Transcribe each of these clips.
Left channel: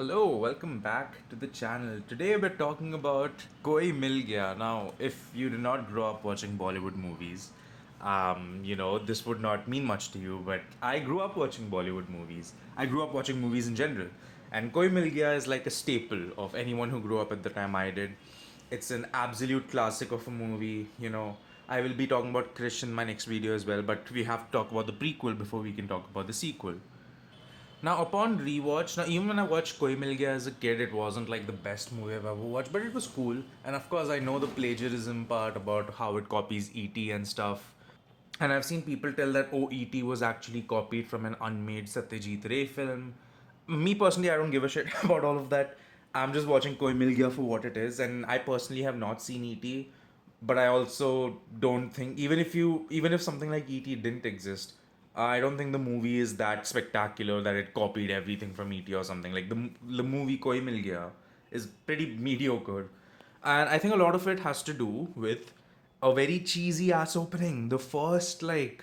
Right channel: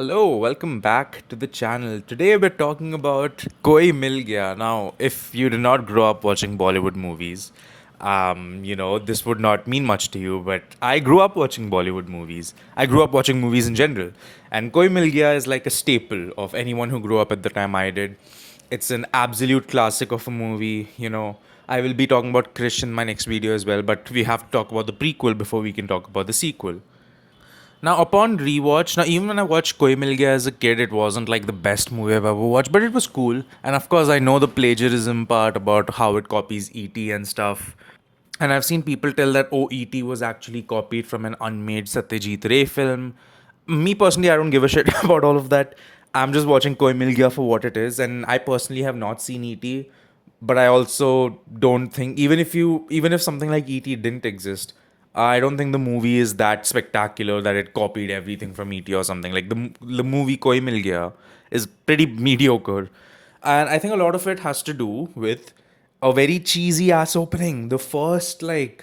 Hello, welcome back to the channel. Today we're talking about Koi Mil Gaya. Now, if you did not grow up watching Bollywood movies, this would not mean much to you, but I grew up watching Bollywood movies. I grew up watching movies in general. And Koi Mil Gaya is like a staple of anyone who grew up at the time I did. It's an absolute classic of a movie. I will be talking about Krish in my next video as well, but we have to talk about the prequel before we can talk about the sequel. Now, upon rewatch, now even when I watched Koi Mil Gaya as a kid, it wasn't like the best movie I've ever watched, but it was cool. And of course, I know the plagiarism part about how it copies E.T. and stuff. And I've seen people tell that E.T. was actually copied from an unmade Satyajit Ray film. Me personally, I don't give a shit about all of that. I'm just watching Koi Mil Gaya for what it is, and I personally have not seen E.T. But I also don't think even if something like E.T. didn't exist, I don't think the movie is that spectacular that it copied everything from E.T. or something. Like the movie Koi Mil Gaya is pretty mediocre, and I think a lot of it has to do with a very cheesy ass opening. The first I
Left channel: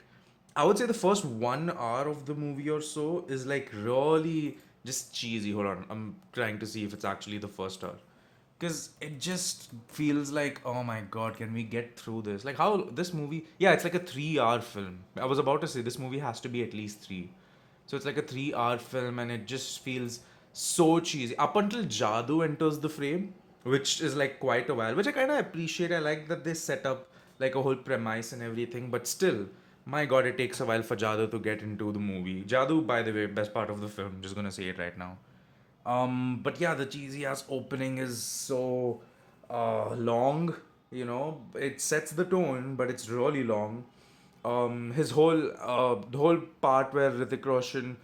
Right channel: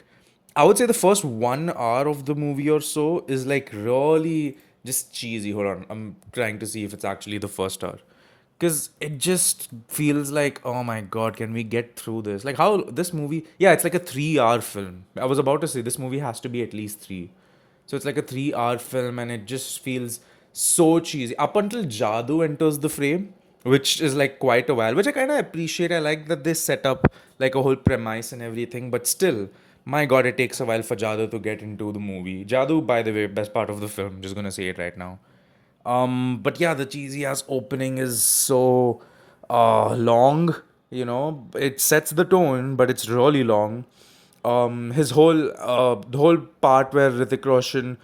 would say the first 1 hour of the movie or so is like really just cheesy. Hold on, I'm trying to see if it's actually the first hour. Because it just feels like, oh my god, can we get through this? Like, how this movie, yeah, it's like a 3 hour film. I was about to say this movie has to be at least three. So it's like a 3 hour film and it just feels so cheesy. Up until Jadoo enters the frame, which is like quite a while, which I kind of appreciate. I like that they set up like a whole premise and everything, but still, my god, it takes a while for Jadoo to get into the movie. Jadoo, by the way, best part of the film. Just gonna say it right now. But yeah, the cheesy ass opening is so long. It sets the tone, but it's really long. The whole part where Hrithik Roshan,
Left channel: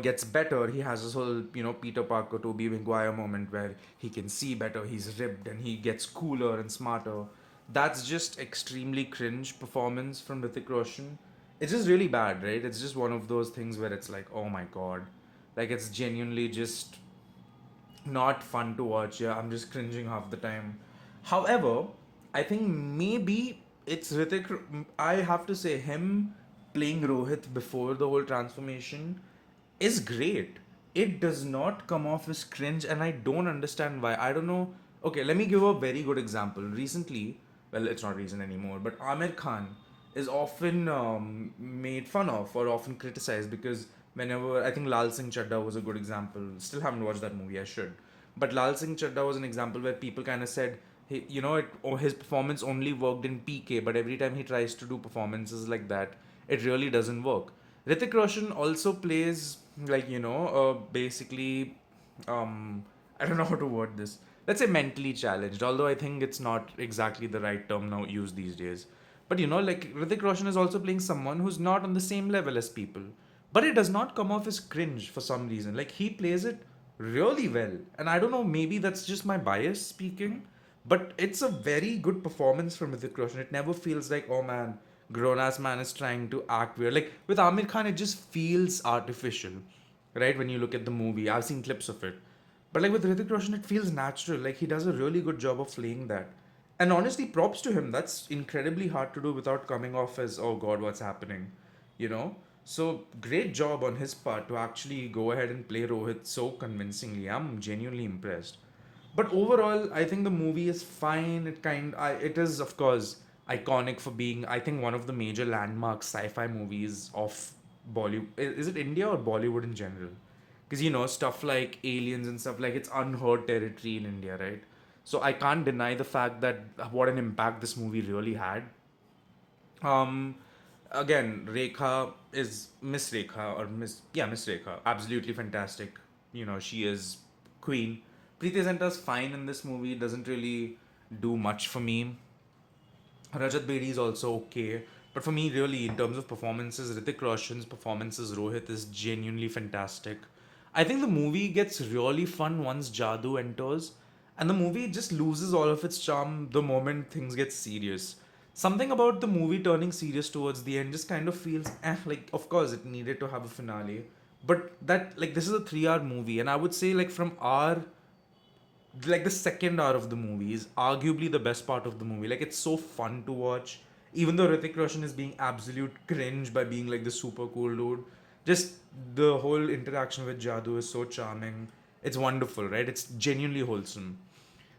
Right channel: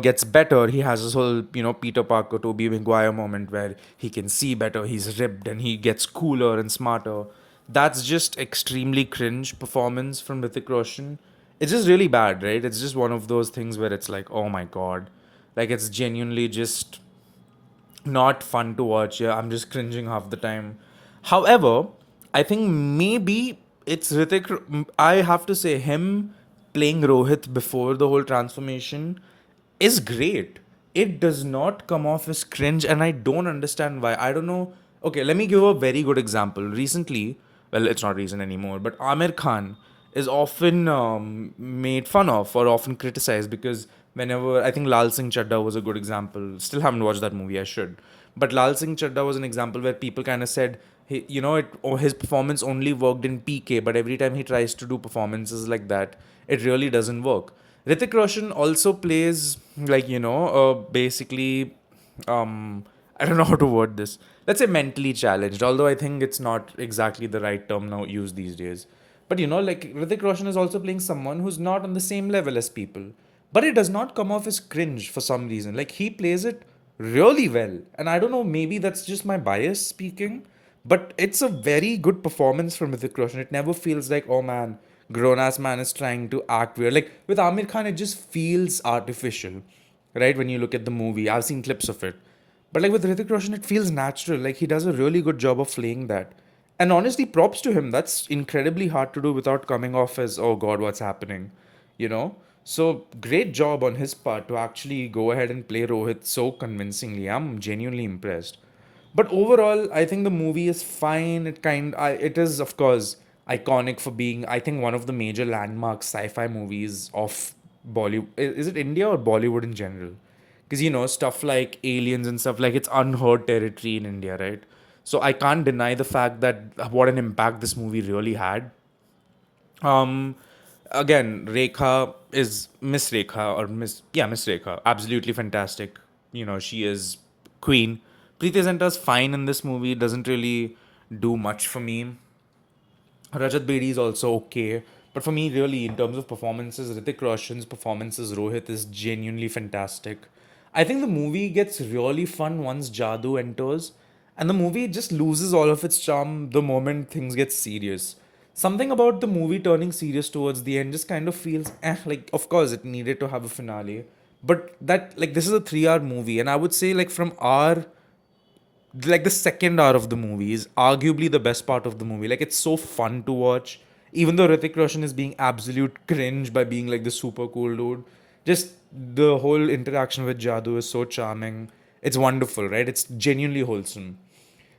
gets better. He has this whole, Peter Parker, Tobey Maguire moment where he can see better. He's ripped and he gets cooler and smarter. That's just extremely cringe performance from Hrithik Roshan. It's just really bad, right? It's just one of those things where it's like, oh my god, like it's genuinely just not fun to watch. Yeah, I'm just cringing half the time. However, I think maybe it's Ritik. I have to say, him playing Rohit before the whole transformation is great. It does not come off as cringe, and I don't understand why. I don't know. Okay, let me give a very good example. Recently, well, it's not recent anymore, but Amir Khan is often made fun of or often criticized because whenever I think Lal Singh Chadda was a good example. Still haven't watched that movie. I should. But Lal Singh Chadda was an example where people kind of said, hey, his performance only worked in PK, but every time he tries to do performances like that, it really doesn't work. Hrithik Roshan also plays basically, I don't know how to word this. Let's say mentally challenged, although I think it's not exactly the right term now used these days. But like Hrithik Roshan is also playing someone who's not on the same level as people. But it does not come off as cringe for some reason. Like he plays it really well. And I don't know, maybe that's just my bias speaking. But it's a very good performance from Hrithik Roshan. It never feels like, oh man, grown ass man is trying to act weird. Like with Amir Khan, it just feels artificial, right? When you look at the movie, I've seen clips of it. But like with Hrithik Roshan, it feels natural. Like he does a really good job of playing that. And honestly, props to him. That's incredibly hard to do without coming off as, oh god, what's happening? You know? So great job on his part to actually go ahead and play Rohit so convincingly. I'm genuinely impressed. But overall, I think the movie is fine. It is of course iconic for being, I think, one of the major landmark sci-fi movies of Bollywood. Is it India or Bollywood in general? Because stuff like aliens and stuff like it's unheard territory in India, right? So I can't deny the fact that what an impact this movie really had. um, Again, Rekha is Miss Rekha or Miss Rekha, absolutely fantastic. She is queen. Preeti Zinta's fine in this movie. Doesn't really do much for me. Rajat Bedi is also okay. But for me, really, in terms of performances, Hrithik Roshan's performances, Rohit is genuinely fantastic. I think the movie gets really fun once Jadoo enters, and the movie just loses all of its charm the moment things get serious. Something about the movie turning serious towards the end just kind of feels like of course it needed to have a finale. But that like this is a 3 hour movie, and I would say like from our like the second hour of the movie is arguably the best part of the movie. Like it's so fun to watch, even though Hrithik Roshan is being absolute cringe by being like the super cool dude. Just the whole interaction with Jadoo is so charming. It's wonderful, right? It's genuinely wholesome.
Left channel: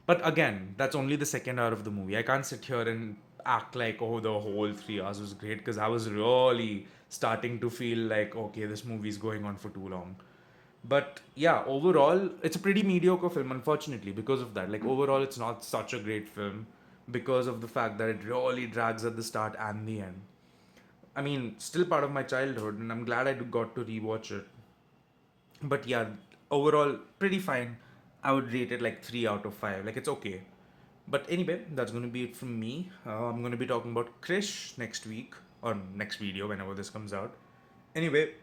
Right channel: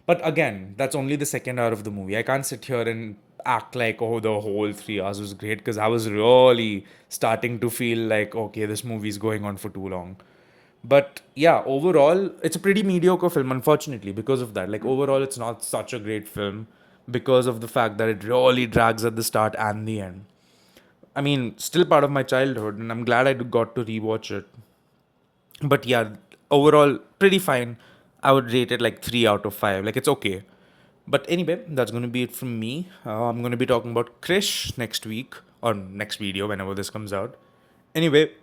But again, that's only the second hour of the movie. I can't sit here and act like, oh, the whole 3 hours was great, because I was really starting to feel like, okay, this movie's going on for too long. But yeah, overall, it's a pretty mediocre film, unfortunately, because of that. Like, overall, it's not such a great film because of the fact that it really drags at the start and the end. I mean, still part of my childhood, and I'm glad I got to rewatch it. But yeah, overall, pretty fine. I would rate it like 3 out of 5. Like, it's okay. But anyway, that's going to be it from me. I'm going to be talking about Krish next week, or next video, whenever this comes out. Anyway,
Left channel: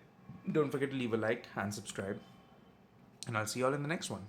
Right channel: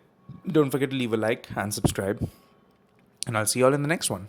don't forget to leave a like and subscribe. And I'll see you all in the next one.